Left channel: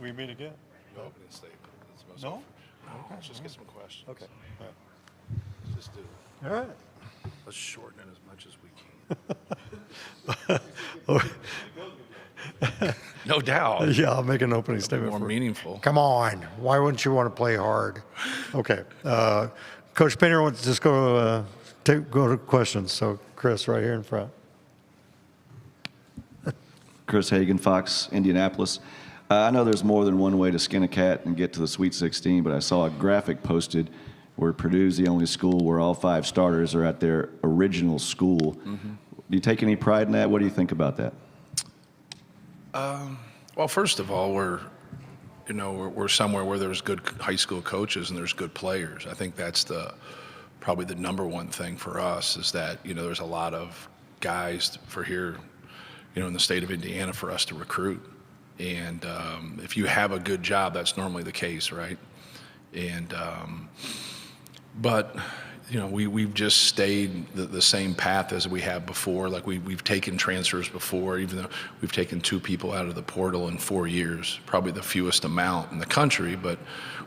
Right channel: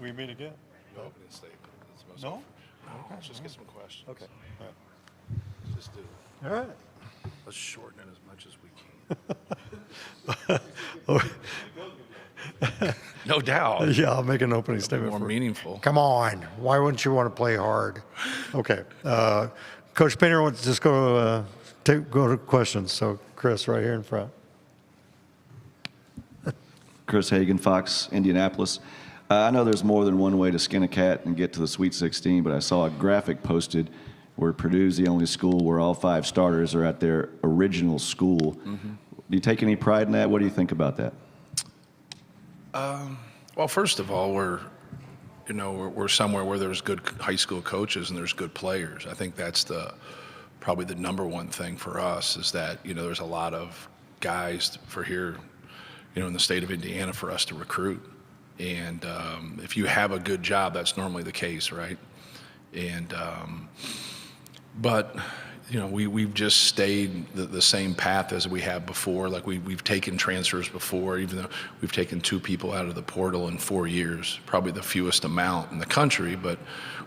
We meet again. No, I'm gonna say it's No? Okay. Let's just get some questions. Okay. Just do. All right. Let's shorten it as much as we can. No doubt. Yeah, I'll make an opening statement. More meaningful. Come on. Why wouldn't you want to play hard? Okay. Coach Painter wants to just go to questions. So, Chris, right here in front. Chris Hagan, Fox, Indianapolis. I know there's more than one way to skin a cat and get to the Sweet 16, but I saw a graphic posted where Purdue's the only school where all 5 starters are at their original school. Mm-hmm. Do you take any pride in that? What do you think about that? Well, first of all, we're somewhere where there's good high school coaches and there's good players. I think that's probably the number one thing for us is that, there's a lot of guys for here, in the state of Indiana for us to recruit. And if you have a good job, that's normally the case, right? And but we've just stayed the same path as we have before. Like we've taken transfers before, even though we've taken 2 people out of the portal in 4 years, probably the fewest amount in the country. But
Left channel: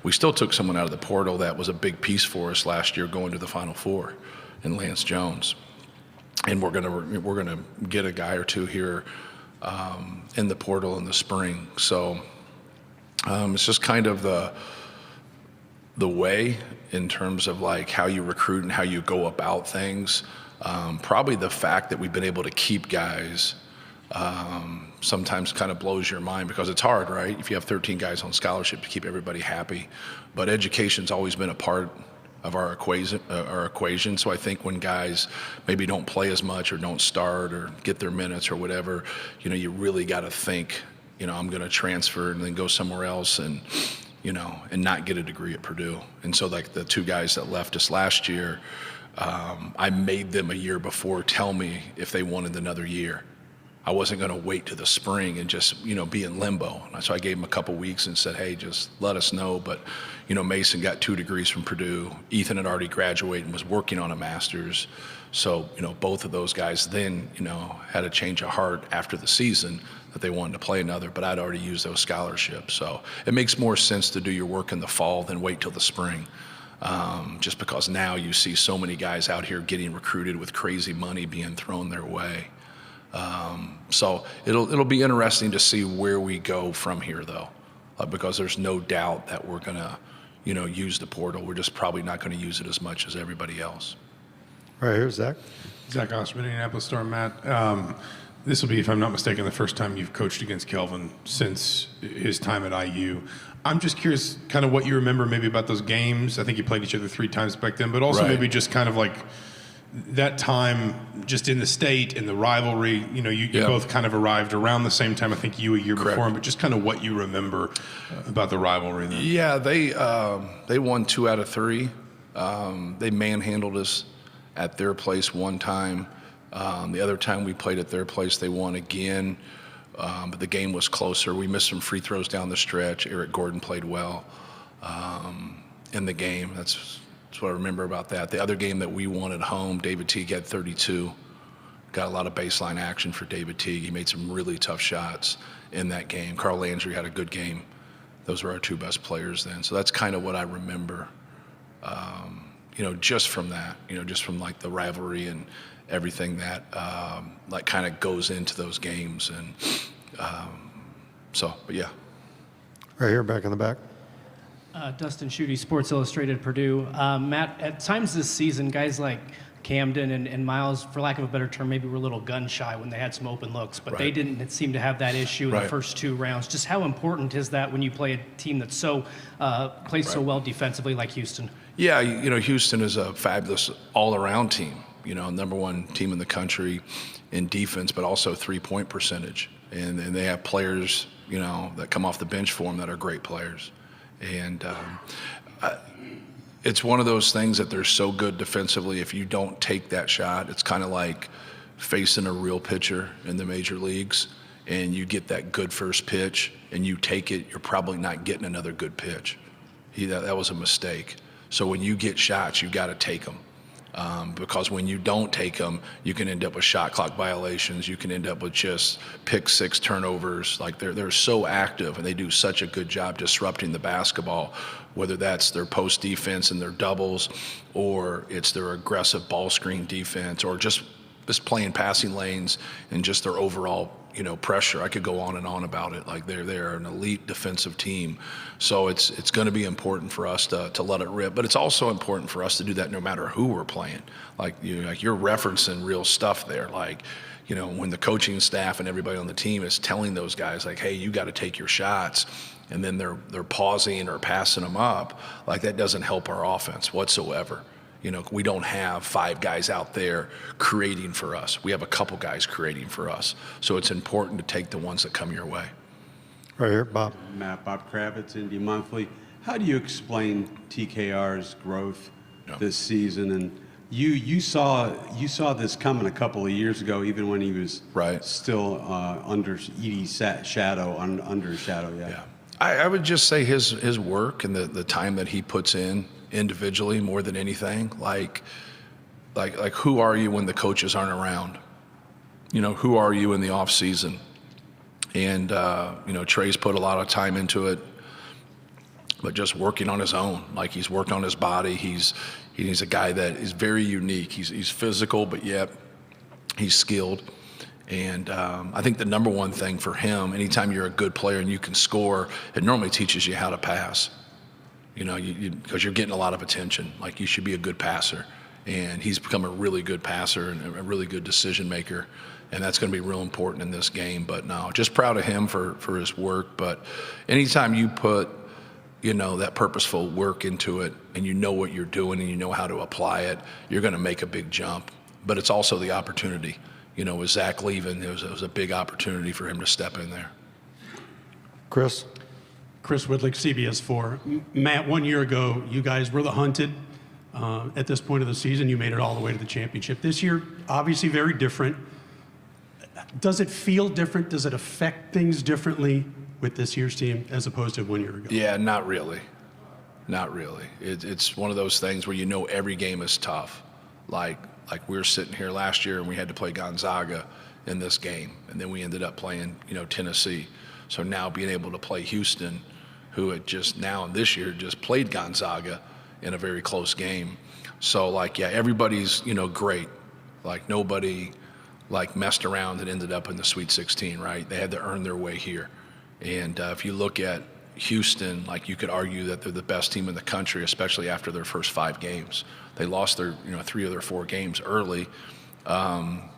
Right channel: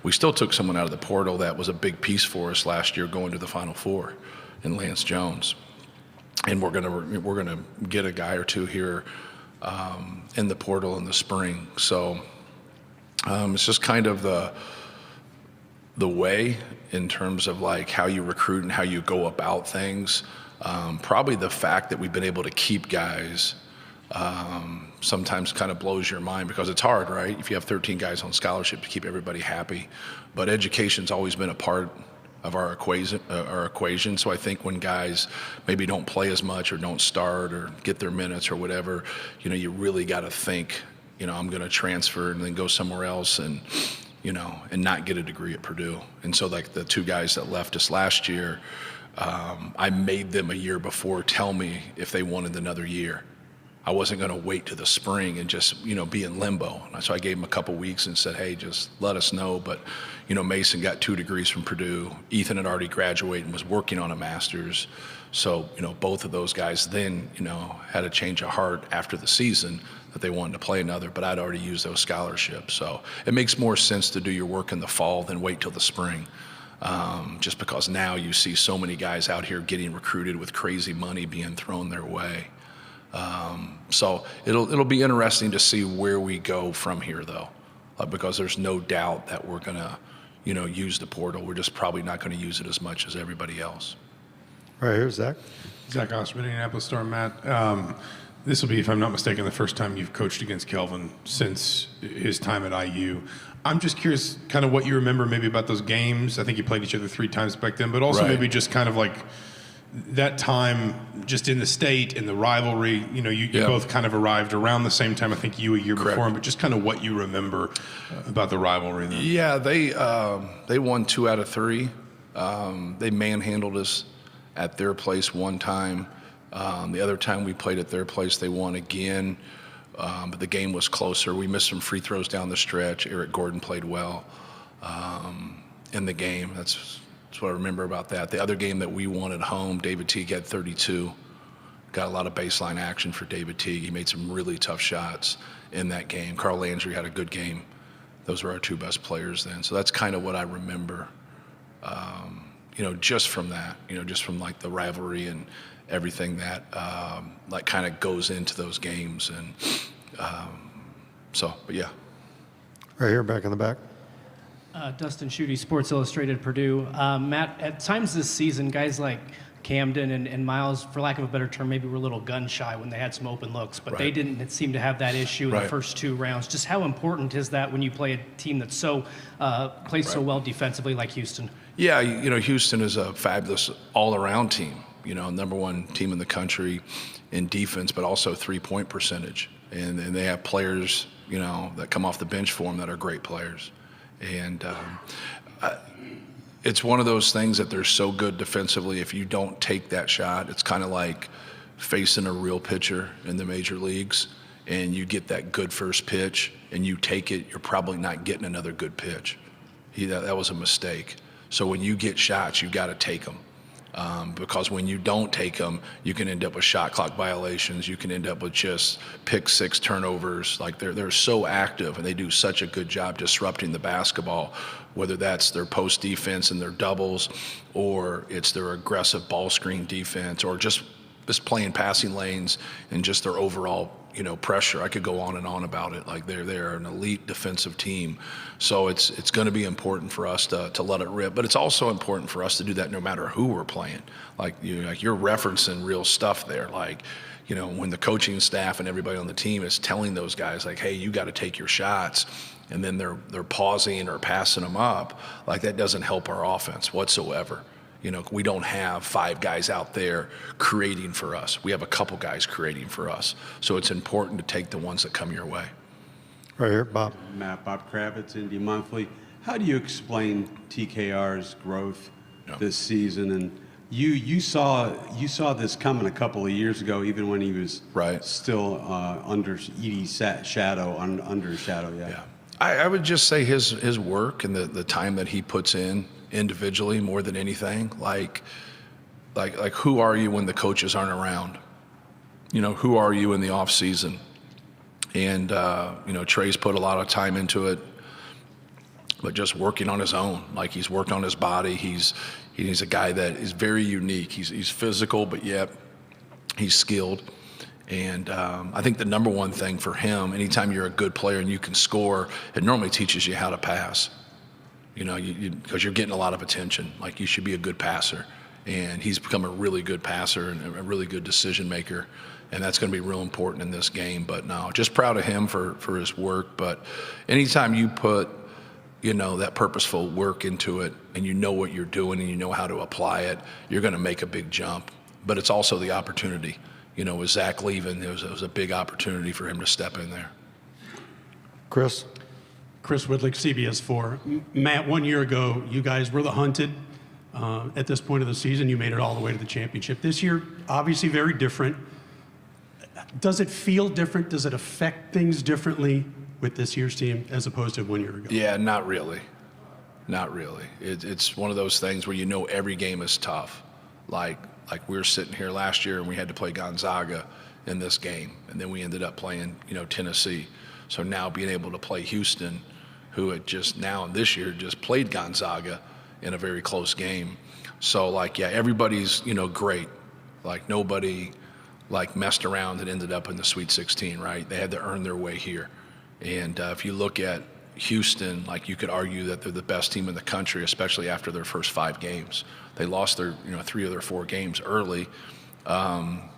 we still took someone out of the portal that was a big piece for us last year, going to the Final Four, in Lance Jones. And we're gonna get a guy or 2 here in the portal in the spring. So it's just kind of the way in terms of like how you recruit and how you go about things. Probably the fact that we've been able to keep guys sometimes kind of blows your mind because it's hard, right? If you have 13 guys on scholarship to keep everybody happy. But education's always been a part of our equation. So I think when guys maybe don't play as much or don't start or get their minutes or whatever, you really got to think, I'm going to transfer and then go somewhere else and not get a degree at Purdue. And so like the 2 guys that left us last year, I made them a year before tell me if they wanted another year. I wasn't going to wait to the spring and just, be in limbo. So I gave him a couple weeks and said, hey, just let us know. But, Mason got 2 degrees from Purdue. Ethan had already graduated and was working on a master's. So, both of those guys then, had a change of heart after the season that they wanted to play another, but I'd already used those scholarships. So it makes more sense to do your work in the fall than wait till the spring. Just because now you see so many guys out here getting recruited with crazy money being thrown their way. So it'll be interesting to see where we go from here, though, because there's no doubt that we're going to, use the portal. We're just probably not going to use it as much as everybody else. Right here, Zach. Zach Osterman, Indianapolis Star. Matt, this will be, if I'm not mistaken, the first time you've coached against Kelvin since his time at IU. I'm just curious kind of what you remember maybe about those games. I think you played each other 3 times back then, but also maybe just kind of like that time just in the state and the rivalry. You both kind of arrived around the same time, I think you a year before him, but just kind of what you remember about the rivalry. Yeah, they won 2 out of 3. They manhandled us at their place one time. The other time we played at their place, they won again. But the game was closer. We missed some free throws down the stretch. Eric Gordon played well in the game. That's what I remember about that. The other game that we won at home, David Teague had 32. Got a lot of baseline action for David Teague. He made some really tough shots in that game. Carl Landry had a good game. Those were our 2 best players then. So that's kind of what I remember, just from that, just from like the rivalry and everything that like kind of goes into those games. And but yeah. Right here, back in the back. Dustin Schutte, Sports Illustrated, Purdue. Matt, at times this season, guys like Camden and Miles, for lack of a better term, maybe were a little gun shy when they had some open looks, but they didn't seem to have that issue in the first 2 rounds. Just how important is that when you play a team that's so plays so well defensively like Houston? Yeah, Houston is a fabulous all-around team. Number 1 team in the country in defense, but also 3-point percentage, and they have players that come off the bench for them that are great players. And it's one of those things that they're so good defensively. If you don't take that shot, it's kind of like facing a real pitcher in the major leagues, and you get that good first pitch and you take it, you're probably not getting another good pitch. That was a mistake. So when you get shots, you got to take them. Because when you don't take them, you can end up with shot clock violations. You can end up with just pick six turnovers. Like they're so active and they do such a good job disrupting the basketball, whether that's their post defense and their doubles, or it's their aggressive ball screen defense, or just playing passing lanes and just their overall pressure. I could go on and on about it. Like they're an elite defensive team. So it's going to be important for us to let it rip, but it's also important for us to do that no matter who we're playing. Like you're referencing real stuff there. Like, when the coaching staff and everybody on the team is telling those guys like, hey, you got to take your shots, and then they're pausing or passing them up, like that doesn't help our offense whatsoever. We don't have 5 guys out there creating for us. We have a couple guys creating for us. So it's important to take the ones that come your way. Right here, Bob. Matt, Bob Kravitz, Indy Monthly. How do you explain TKR's growth this season? And you saw this coming a couple of years ago, even when he was still under Edie's shadow, under his shadow. Yeah. I would just say his work and the time that he puts in individually more than anything. Like who are you when the coaches aren't around? Who are you in the off season? And Trey's put a lot of time into it, but just working on his own. Like he's worked on his body. He's a guy that is very unique. He's physical, but yet he's skilled. And I think the number one thing for him, anytime you're a good player and you can score, it normally teaches you how to pass. Because you're getting a lot of attention. Like you should be a good passer, and he's become a really good passer and a really good decision maker, and that's going to be real important in this game. But no, just proud of him for his work. But anytime you put that purposeful work into it, and you know what you're doing and you know how to apply it, you're going to make a big jump. But it's also the opportunity. With Zach leaving, it was a big opportunity for him to step in there. Chris Woodlick, CBS 4. Matt, 1 year ago, you guys were the hunted. At this point of the season, you made it all the way to the championship. This year, obviously very different. Does it feel different? Does it affect things differently with this year's team as opposed to 1 year ago? Yeah, not really. Not really. It's one of those things where every game is tough. Like we were sitting here last year and we had to play Gonzaga in this game, and then we ended up playing, Tennessee. So now being able to play Houston, who had just now this year just played Gonzaga in a very close game. So everybody's, great. Like nobody messed around and ended up in the Sweet 16, right? They had to earn their way here. And if you look at Houston, you could argue that they're the best team in the country, especially after their first 5 games. They lost their, 3 of their 4 games early. The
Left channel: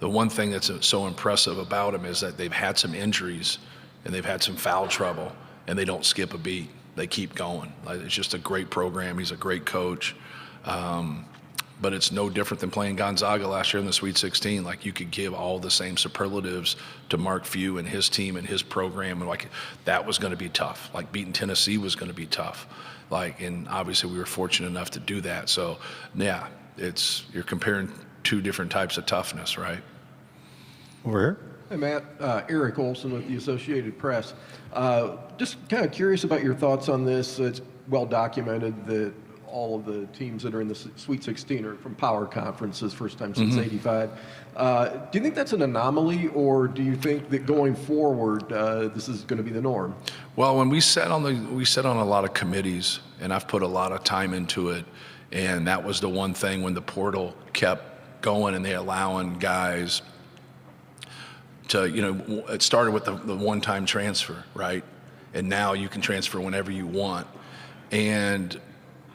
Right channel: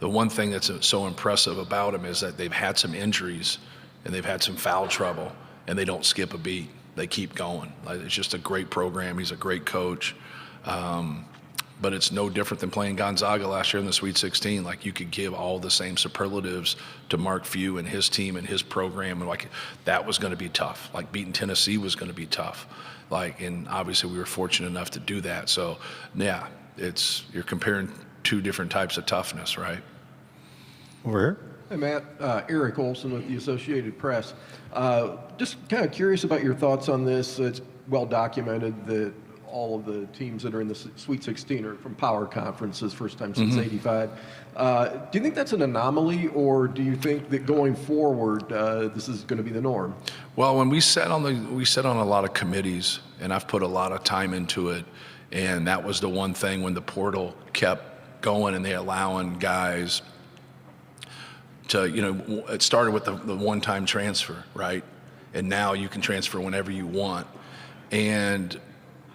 one thing that's so impressive about them is that they've had some injuries and they've had some foul trouble, and they don't skip a beat. They keep going. It's just a great program. He's a great coach. But it's no different than playing Gonzaga last year in the Sweet 16. You could give all the same superlatives to Mark Few and his team and his program, and that was going to be tough. Beating Tennessee was going to be tough. And obviously we were fortunate enough to do that. So yeah, you're comparing 2 different types of toughness, right? Over here. Hey, Matt. Eric Olson of the Associated Press. Just kind of curious about your thoughts on this. It's well documented that all of the teams that are in the Sweet 16 are from power conferences, first time since '85. Do you think that's an anomaly, or do you think that going forward this is going to be the norm? Well, when we sat on a lot of committees, and I've put a lot of time into it, and that was the one thing when the portal kept going and they allowing guys to, it started with the one-time transfer, right? And now you can transfer whenever you want. And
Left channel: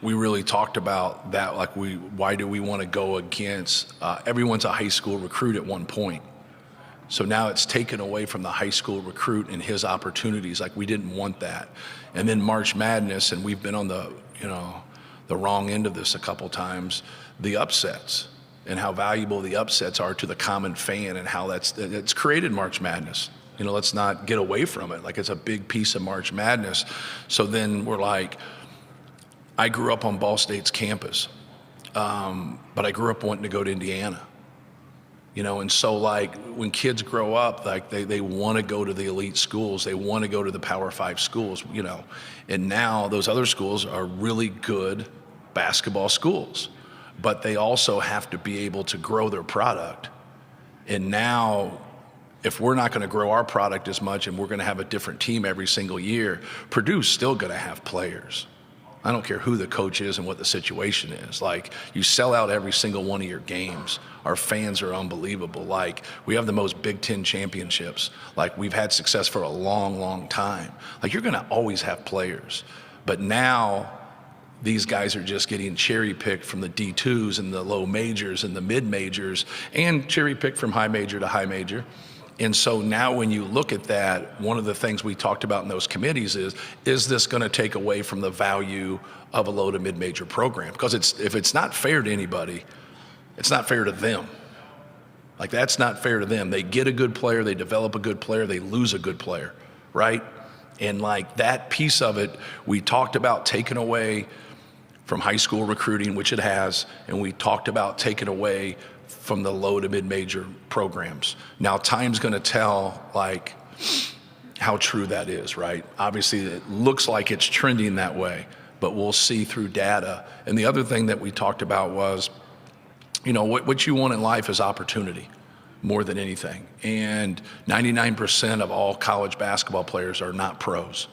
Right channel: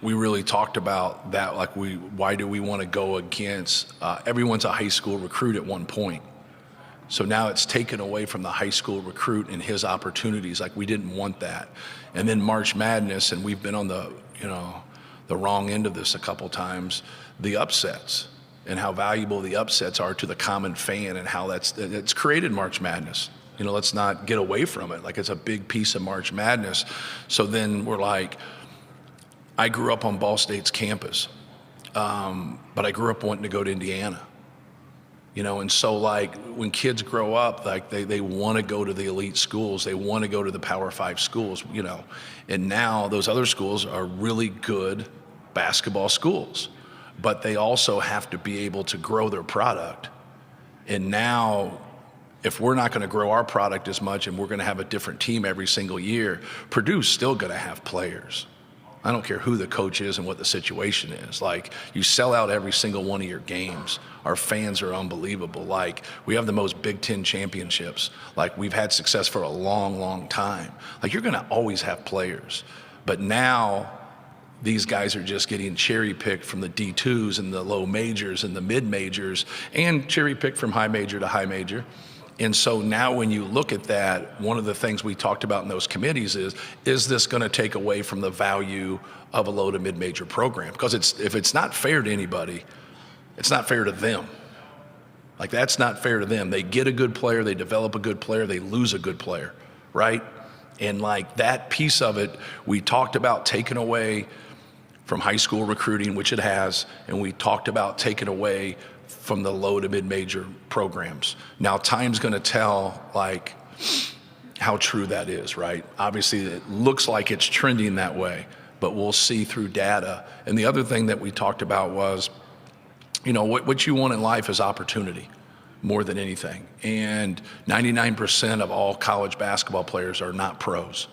we really talked about that, why do we want to go against, everyone's a high school recruit at one point. So now it's taken away from the high school recruit and his opportunities. We didn't want that. And then March Madness, and we've been on the wrong end of this a couple times, the upsets and how valuable the upsets are to the common fan, and how it's created March Madness. Let's not get away from it. It's a big piece of March Madness. So then we're I grew up on Ball State's campus, but I grew up wanting to go to Indiana. And so when kids grow up, they want to go to the elite schools. They want to go to the Power 5 schools, and now those other schools are really good basketball schools. but they also have to be able to grow their product. And now, if we're not going to grow our product as much and we're going to have a different team every single year, Purdue's still going to have players. I don't care who the coach is and what the situation is. Like, you sell out every single one of your games. Our fans are unbelievable. Like, we have the most Big Ten championships. Like, we've had success for a long, long time. Like, you're going to always have players. But now these guys are just getting cherry-picked from the D2s and the low majors and the mid-majors, and cherry-picked from high major to high major. And so now when you look at that, one of the things we talked about in those committees is this going to take away from the value of a low to mid-major program? Because if it's not fair to anybody, it's not fair to them. Like, that's not fair to them. They get a good player, they develop a good player, they lose a good player, right? And like, that piece of it, we talked about taking away from high school recruiting, which it has, and we talked about taking away from the low to mid-major programs. Now, time's going to tell, like, how true that is, right? Obviously, it looks like it's trending that way, but we'll see through data. And the other thing that we talked about was, you know, what you want in life is opportunity more than anything. And 99% of all college basketball players are not pros.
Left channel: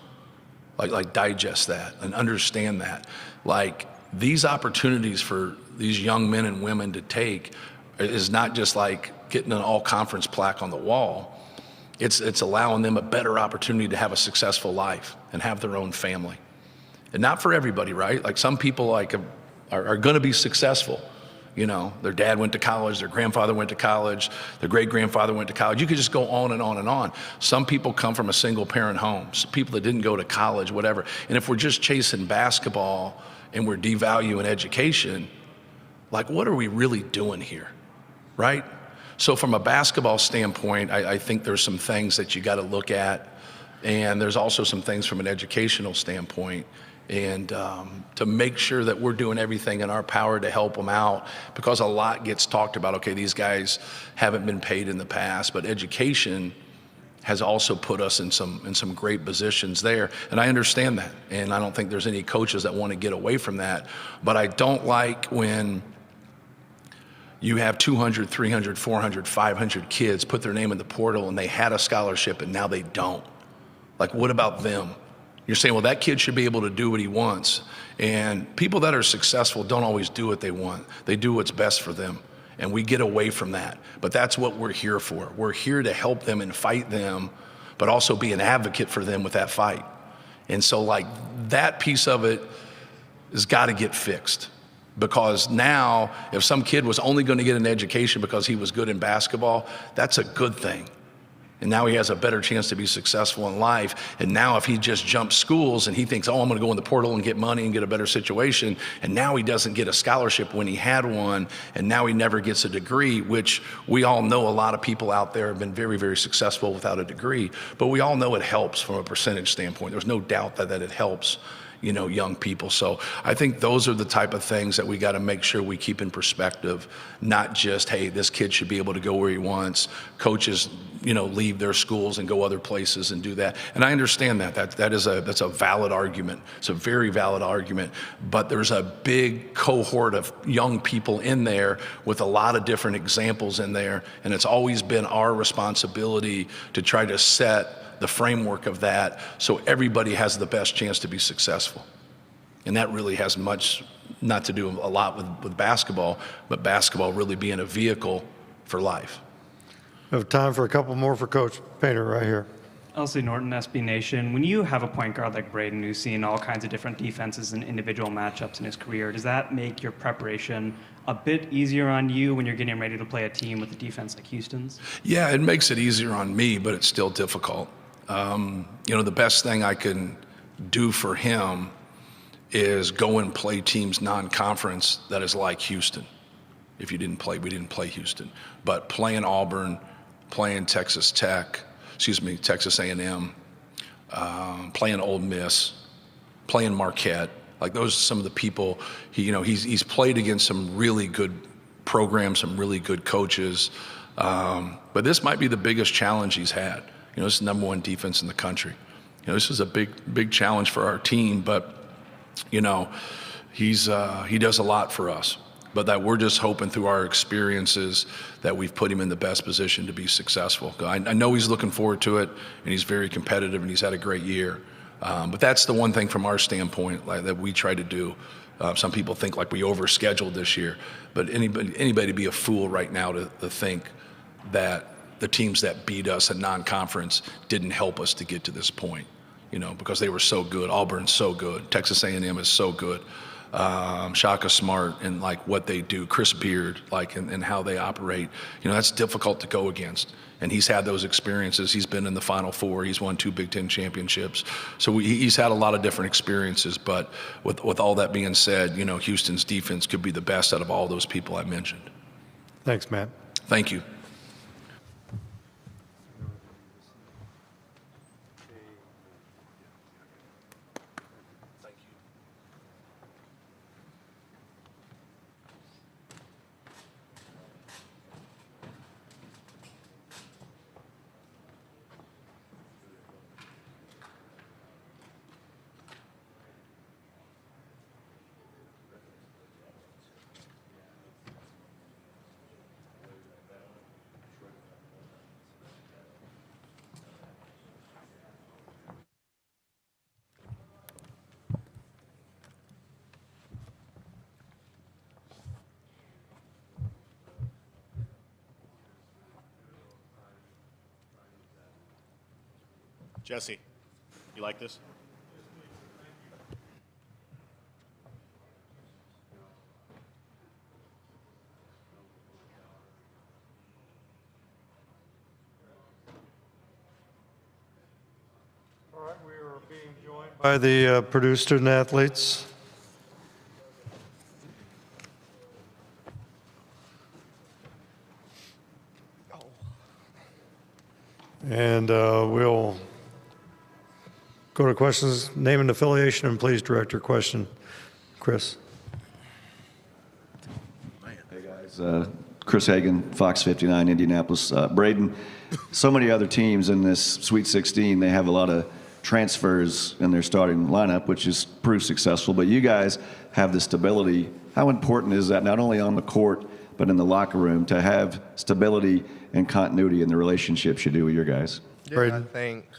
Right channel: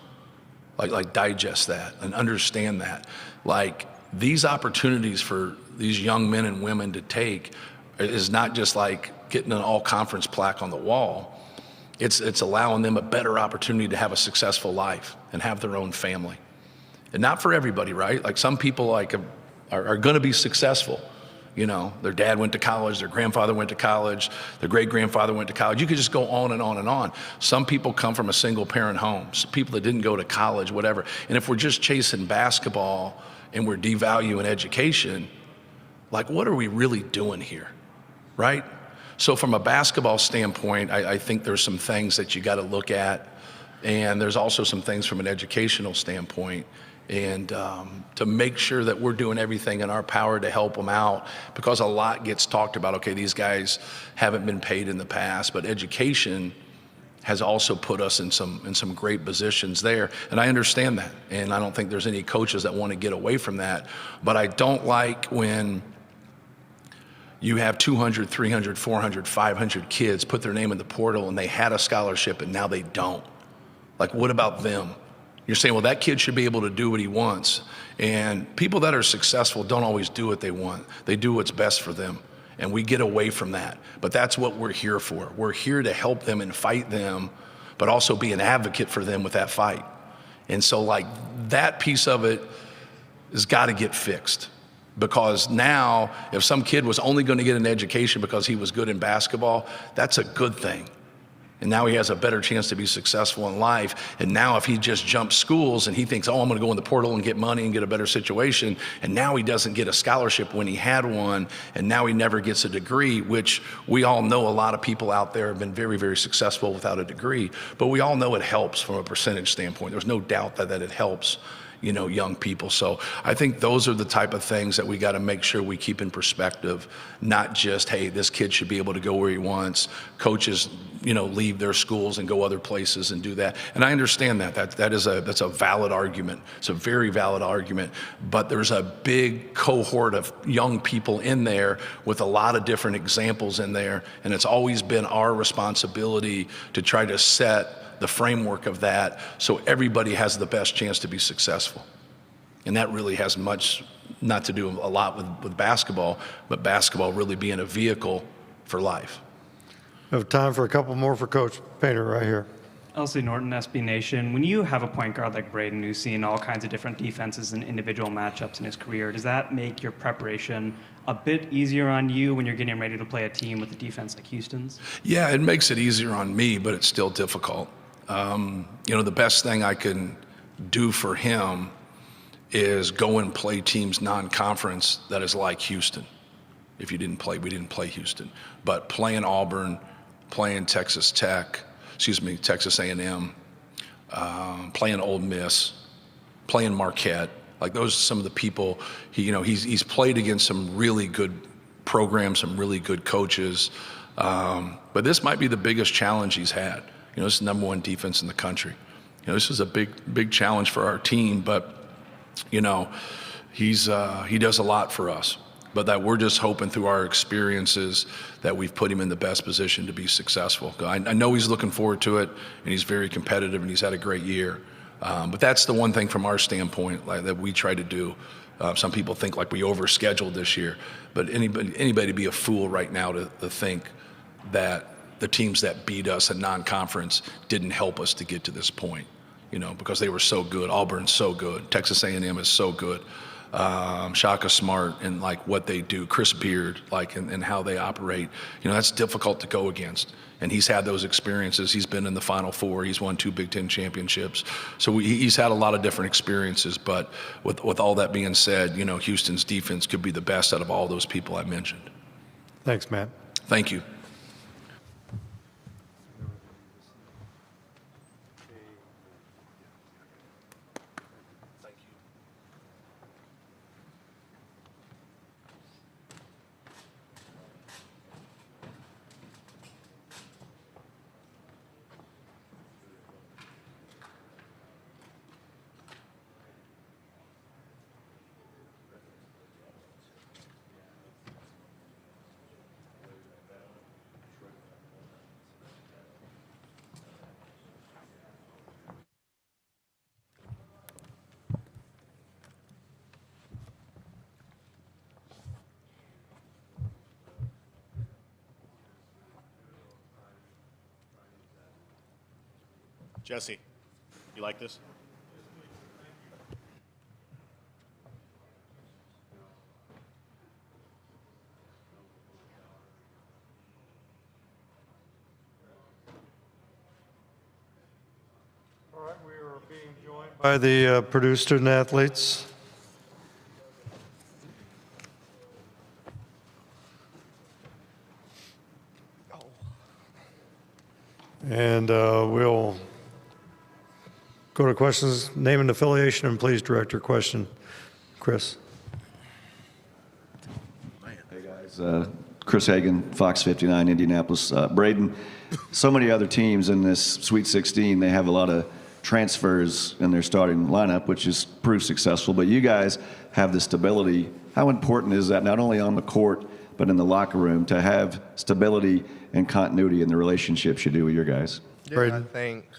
Like digest that and understand that. Like, these opportunities for these young men and women to take is not just like getting an all-conference plaque on the wall. It's allowing them a better opportunity to have a successful life and have their own family. And not for everybody, right? Like, some people are going to be successful. You know, their dad went to college, their grandfather went to college, their great-grandfather went to college. You could just go on and on and on. Some people come from a single-parent home, some people that didn't go to college, whatever. And if we're just chasing basketball and we're devaluing education, like, what are we really doing here, right? So from a basketball standpoint, I think there's some things that you got to look at, and there's also some things from an educational standpoint, and to make sure that we're doing everything in our power to help them out, because a lot gets talked about. Okay, these guys haven't been paid in the past, but education has also put us in some great positions there, and I understand that, and I don't think there's any coaches that want to get away from that. But I don't like when you have 200, 300, 400, 500 kids put their name in the portal and they had a scholarship and now they don't. Like, what about them? You're saying, well, that kid should be able to do what he wants. And people that are successful don't always do what they want. They do what's best for them. And we get away from that. But that's what we're here for. We're here to help them and fight them, but also be an advocate for them with that fight. And so, like, that piece of it has got to get fixed. Because now, if some kid was only going to get an education because he was good in basketball, that's a good thing. And now he has a better chance to be successful in life. And now if he just jumps schools and he thinks, oh, I'm going to go in the portal and get money and get a better situation, and now he doesn't get a scholarship when he had one, and now he never gets a degree, which we all know a lot of people out there have been very, very successful without a degree. But we all know it helps from a percentage standpoint. There's no doubt that it helps, you know, young people. So I think those are the type of things that we got to make sure we keep in perspective, not just, hey, this kid should be able to go where he wants. Coaches, you know, leave their schools and go other places and do that. And I understand that's a valid argument. It's a very valid argument. But there's a big cohort of young people in there with a lot of different examples in there. And it's always been our responsibility to try to set the framework of that so everybody has the best chance to be successful. And that really has much not to do a lot with basketball, but basketball really being a vehicle for life. We have time for a couple more for Coach Painter right here. Elsie Norton, SB Nation. When you have a point guard like Braden who's seen all kinds of different defenses and individual matchups in his career, does that make your preparation a bit easier on you when you're getting ready to play a team with a defense like Houston's? Yeah, it makes it easier on me, but it's still difficult. You know, the best thing I can do for him is go and play teams non-conference that is like Houston. If you didn't play, we didn't play Houston. But playing Auburn, playing Texas A&M, playing Ole Miss, playing Marquette, like those are some of the people, he's played against some really good programs, some really good coaches. But this might be the biggest challenge he's had. You know, this is the number one defense in the country. You know, this is a big challenge for our team, but, you know, he does a lot for us. but that we're just hoping through our experiences that we've put him in the best position to be successful. I know he's looking forward to it, and he's very competitive, and he's had a great year. But that's the one thing from our standpoint that we try to do. Some people think like we overscheduled this year, but anybody be a fool right now to think that the teams that beat us in non-conference didn't help us to get to this point, because they were so good. Auburn's so good. Texas A&M is so good. Shaka Smart and like what they do, Chris Beard, like and how they operate, that's difficult to go against. And he's had those experiences. He's been in the Final Four. He's won 2 Big Ten championships. So he's had a lot of different experiences. But with all that being said, Houston's defense could be the best out of all those people I mentioned. Thanks, Matt. Thank you. Jesse, you like this? All right, we are being joined by the Purdue student athletes. And we'll go to questions, name and affiliation, and please direct your question. Chris. Hey, guys. Chris Hagan, Fox 59, Indianapolis. Braden, so many other teams in this Sweet 16, they have a lot of transfers in their starting lineup, which is proved successful. But you guys have the stability. How important is that, not only on the court, but in the locker room, to have stability and continuity in the relationships you do with your guys? Yeah, I think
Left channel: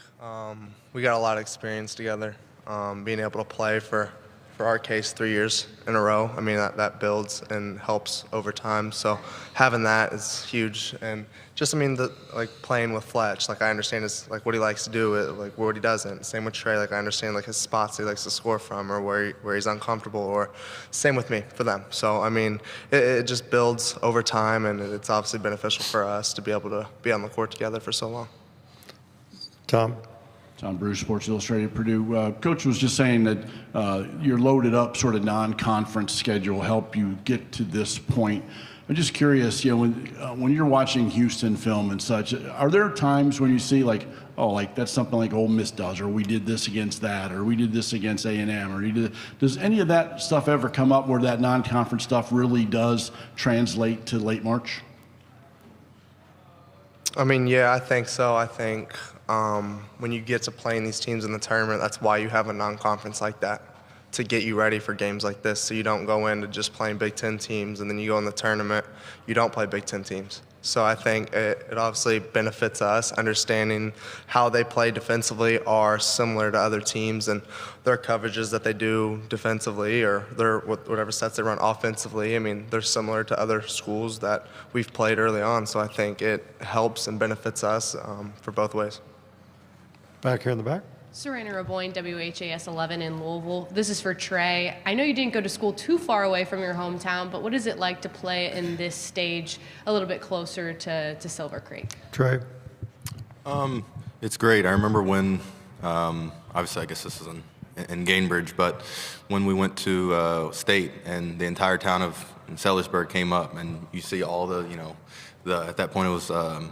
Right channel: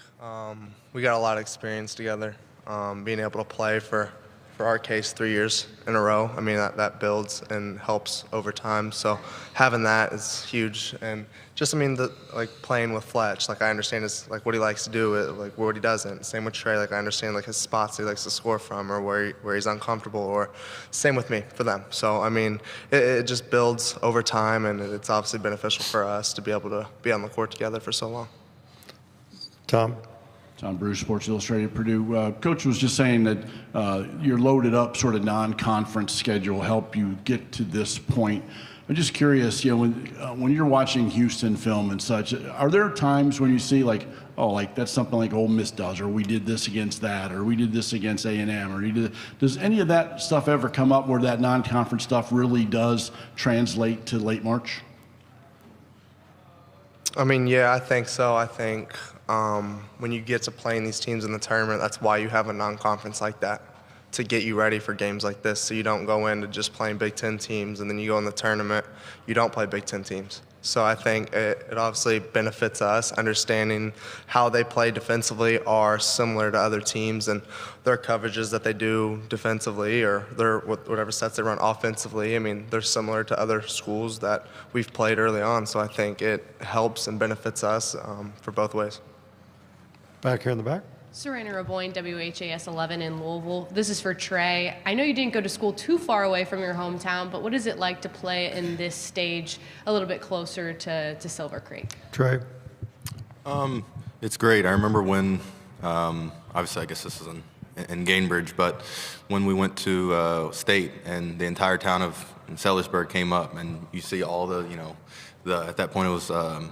we got a lot of experience together. Being able to play for our case 3 years in a row, I mean, that builds and helps over time. So having that is huge. And just, I mean, playing with Fletch, I understand like what he likes to do, like what he doesn't. Same with Trey, I understand like his spots he likes to score from, or where he's uncomfortable, or same with me for them. So, I mean, it just builds over time, and it's obviously beneficial for us to be able to be on the court together for so long. Tom Bruce, Sports Illustrated, Purdue. Coach was just saying that your loaded up sort of non-conference schedule helped you get to this point. I'm just curious, when you're watching Houston film and such, are there times when you see that's something like Ole Miss does, or we did this against that, or we did this against A&M, or does any of that stuff ever come up where that non-conference stuff really does translate to late March? I mean, yeah, I think so. I think when you get to playing these teams in the tournament, that's why you have a non-conference like that, to get you ready for games like this, so you don't go into just playing Big Ten teams and then you go in the tournament, you don't play Big Ten teams. So I think it obviously benefits us. Understanding how they play defensively are similar to other teams, and their coverages that they do defensively, or their whatever sets they run offensively, I mean, they're similar to other schools that we've played early on. So I think it helps and benefits us for both ways. Back here in the back. Serena Raboyne, WHAS 11 in Louisville. This is for Trey. I know you didn't go to school too far away from your hometown, but what is it like to play in this stage a little bit closer to Silver Creek? Trey? It's great. I remember when, obviously I guess this is in Gainbridge, but when we went to state and the entire town of Sellersburg came up, and you see all the, at that point it was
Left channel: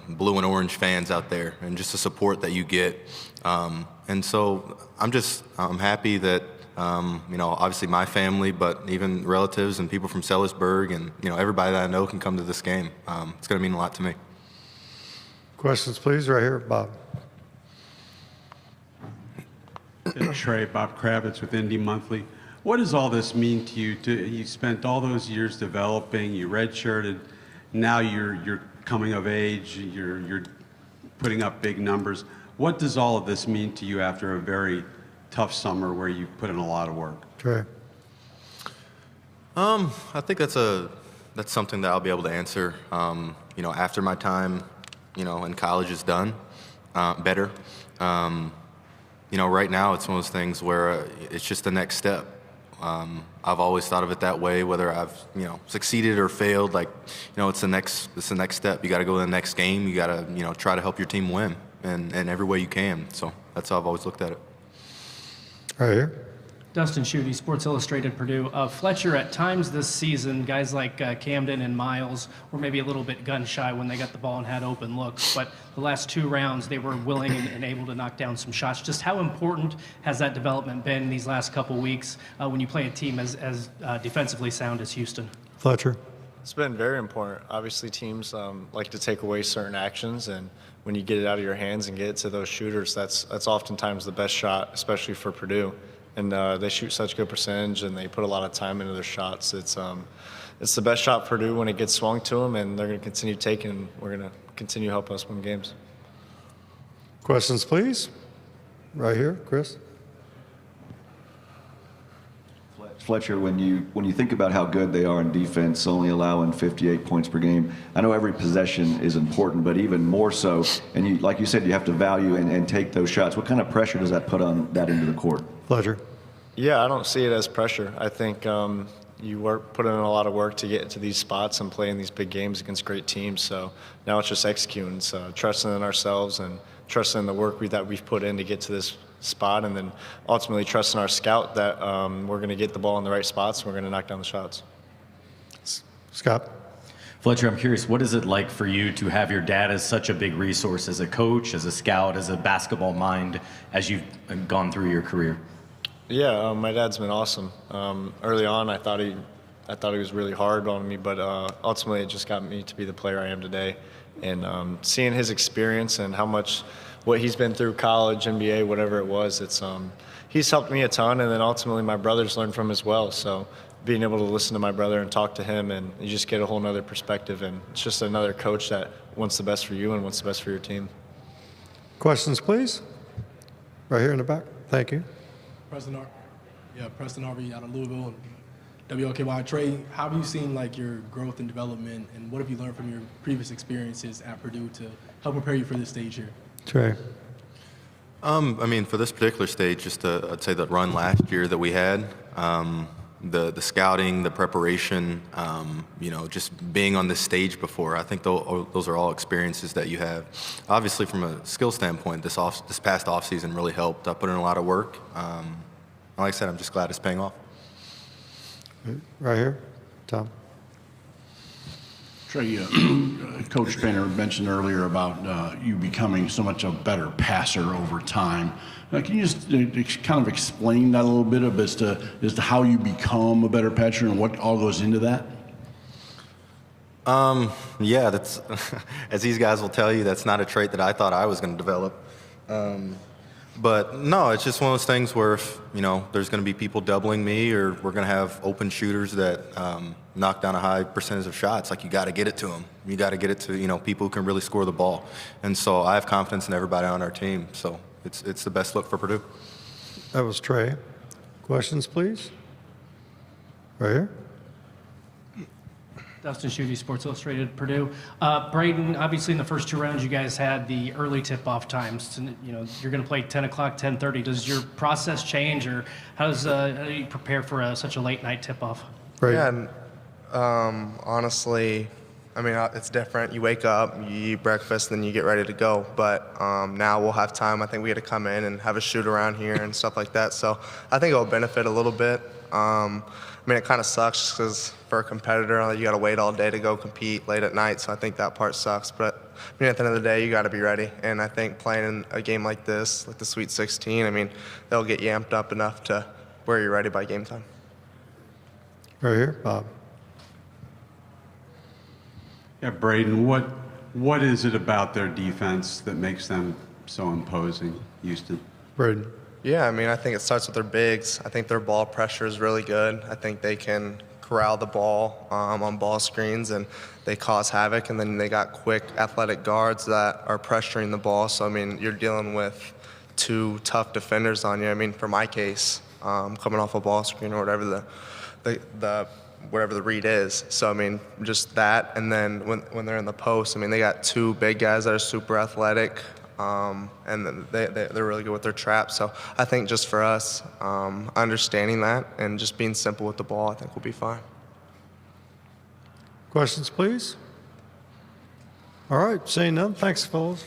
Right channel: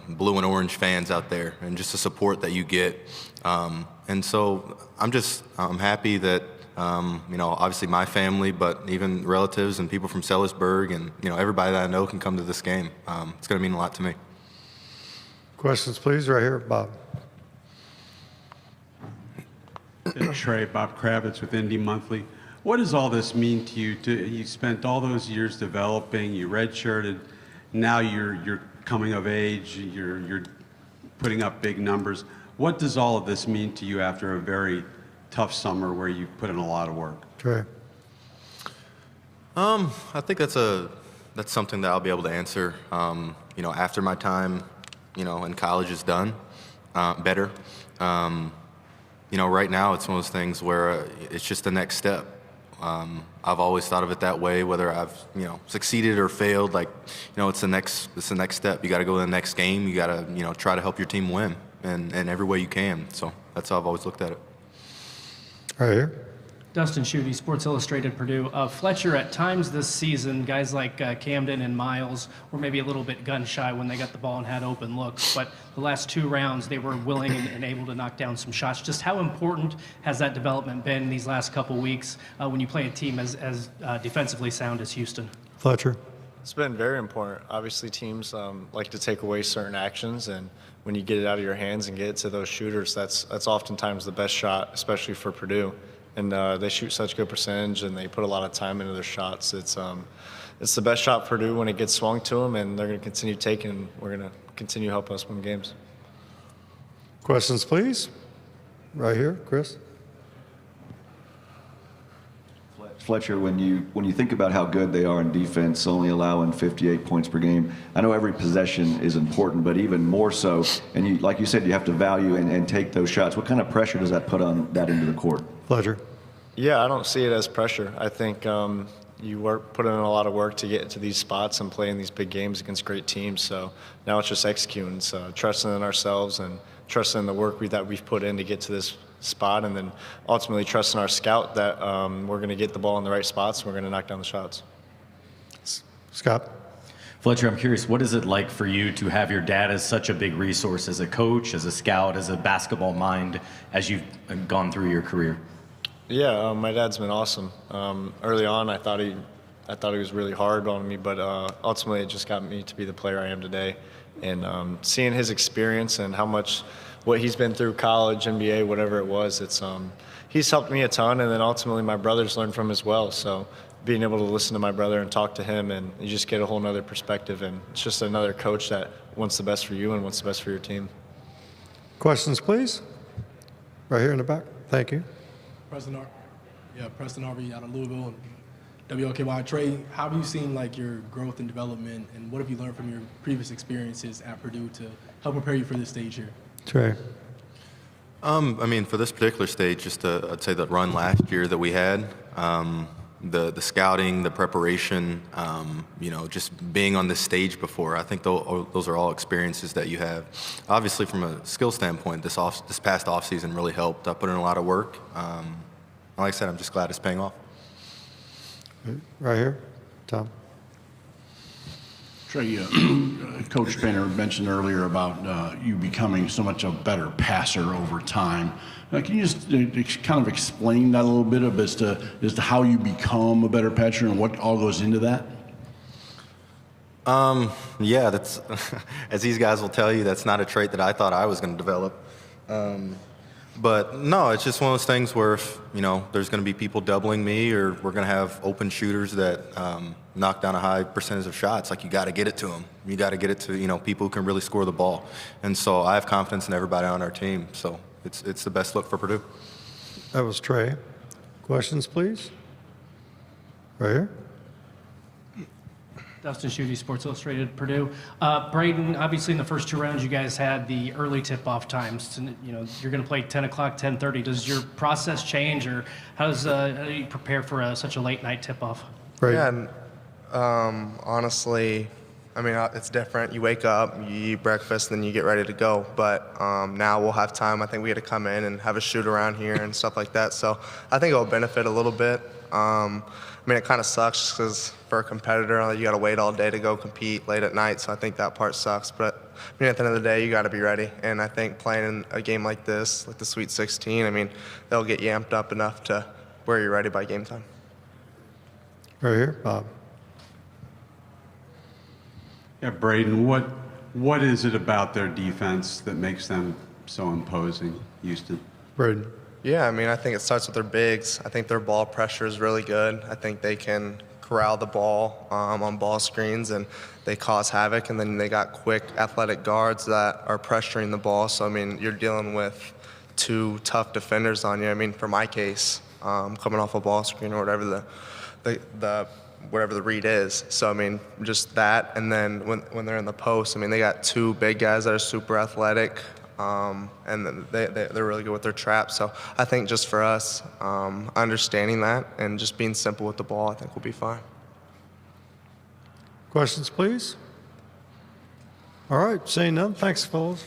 blue and orange fans out there, and just the support that you get. And so I'm happy that, obviously my family, but even relatives and people from Sellersburg and, everybody that I know can come to this game. It's going to mean a lot to me. Questions, please, right here, Bob. Trey, Bob Kravitz with Indy Monthly. What does all this mean to you? You spent all those years developing, you redshirted, now you're coming of age, you're putting up big numbers. What does all of this mean to you after a very tough summer where you put in a lot of work? Trey. I think that's something that I'll be able to answer, after my time, in college is done, better. Right now it's one of those things where it's just the next step. I've always thought of it that way, whether I've, succeeded or failed, it's the next step. You got to go to the next game. You got to, try to help your team win in every way you can. So that's how I've always looked at it. Right here. Dustin Schutte, Sports Illustrated, Purdue. Fletcher, at times this season, guys like Camden and Miles were maybe a little bit gun-shy when they got the ball and had open looks, but the last 2 rounds they were willing and able to knock down some shots. Just how important has that development been these last couple weeks when you play a team as defensively sound as Houston? Fletcher. It's been very important. Obviously, teams like to take away certain actions, and when you get it out of your hands and get it to those shooters, that's oftentimes the best shot, especially for Purdue. And they shoot such good percentage, and they put a lot of time into their shots. It's the best shot for Purdue when it gets swung to them, and they're going to continue taking. And we're going to continue helping us win games. Questions, please. Right here, Chris. Fletcher, when you think about how good they are in defense, only allowing 58 points per game, I know every possession is important, but even more so, and like you said, you have to value and take those shots. What kind of pressure does that put on that into the court? Fletcher. Yeah, I don't see it as pressure. I think you put in a lot of work to get into these spots and play in these big games against great teams. So now it's just executing, so trusting in ourselves and trusting in the work that we've put in to get to this spot, and then ultimately trusting our scout that we're going to get the ball in the right spots and we're going to knock down the shots. Scott. Fletcher, I'm curious, what is it like for you to have your dad as such a big resource as a coach, as a scout, as a basketball mind as you've gone through your career? Yeah, my dad's been awesome. Early on, I thought he was really hard on me, but ultimately it just got me to be the player I am today. And seeing his experience and what he's been through, college, NBA, whatever it was, he's helped me a ton, and then ultimately my brothers learned from him as well. So being able to listen to my brother and talk to him, and you just get a whole nother perspective, and it's just another coach that wants the best for you and wants the best for your team. Questions, please. Right here in the back. Thank you. Preston Harvey out of Louisville and WLKY. Trey, how have you seen your growth and development, and what have you learned from your previous experiences at Purdue to help prepare you for this stage here? Trey. For this particular stage, I'd say the run last year that we had, the scouting, the preparation, just being on this stage before. I think those are all experiences that you have. Obviously, from a skill standpoint, this past offseason really helped. I put in a lot of work. Like I said, I'm just glad it's paying off. Right here, Tom. Trey, Coach Painter mentioned earlier about you becoming so much a better passer over time. Can you just kind of explain that a little bit as to how you become a better passer and what all goes into that? Yeah, that's as these guys will tell you, that's not a trait that I thought I was going to develop. But no, it's just one of those things where if, there's going to be people doubling me, or we're going to have open shooters that knock down a high percentage of shots, you got to get it to them. You got to get it to, people who can really score the ball. And so I have confidence in everybody on our team. So it's the best look for Purdue. That was Trey. Questions, please. Right here. Dustin Schutte, Sports Illustrated, Purdue. Braden, obviously in the first 2 rounds you guys had the early tip-off times. You're going to play 10 o'clock, 10:30. Does your process change, or how do you prepare for such a late-night tip-off? Braden. Yeah, honestly, it's different. You wake up, you eat breakfast, then you get ready to go. But now we'll have time. I think we get to come in and have a shoot around here and stuff like that. So I think it'll benefit a little bit. It kind of sucks because for a competitor, you got to wait all day to go compete late at night. So I think that part sucks. But at the end of the day, you got to be ready. And I think playing in a game like this, like the Sweet 16, they'll get you amped up enough to where you're ready by game time. Right here, Bob. Yeah, Braden, what is it about their defense that makes them so imposing, Houston? Braden. Yeah, I mean, I think it starts with their bigs. I think their ball pressure is really good. I think they can corral the ball on ball screens, and they cause havoc. And then they got quick, athletic guards that are pressuring the ball. So, I mean, you're dealing with two tough defenders on you. I mean, for my case, coming off a ball screen or whatever whatever the read is. So, I mean, just that. And then when they're in the post, I mean, they got two big guys that are super athletic. And then they're really good with their traps. So I think just for us, understanding that and just being simple with the ball, I think we'll be fine. Questions, please? All right, saying none. Thanks, fellas.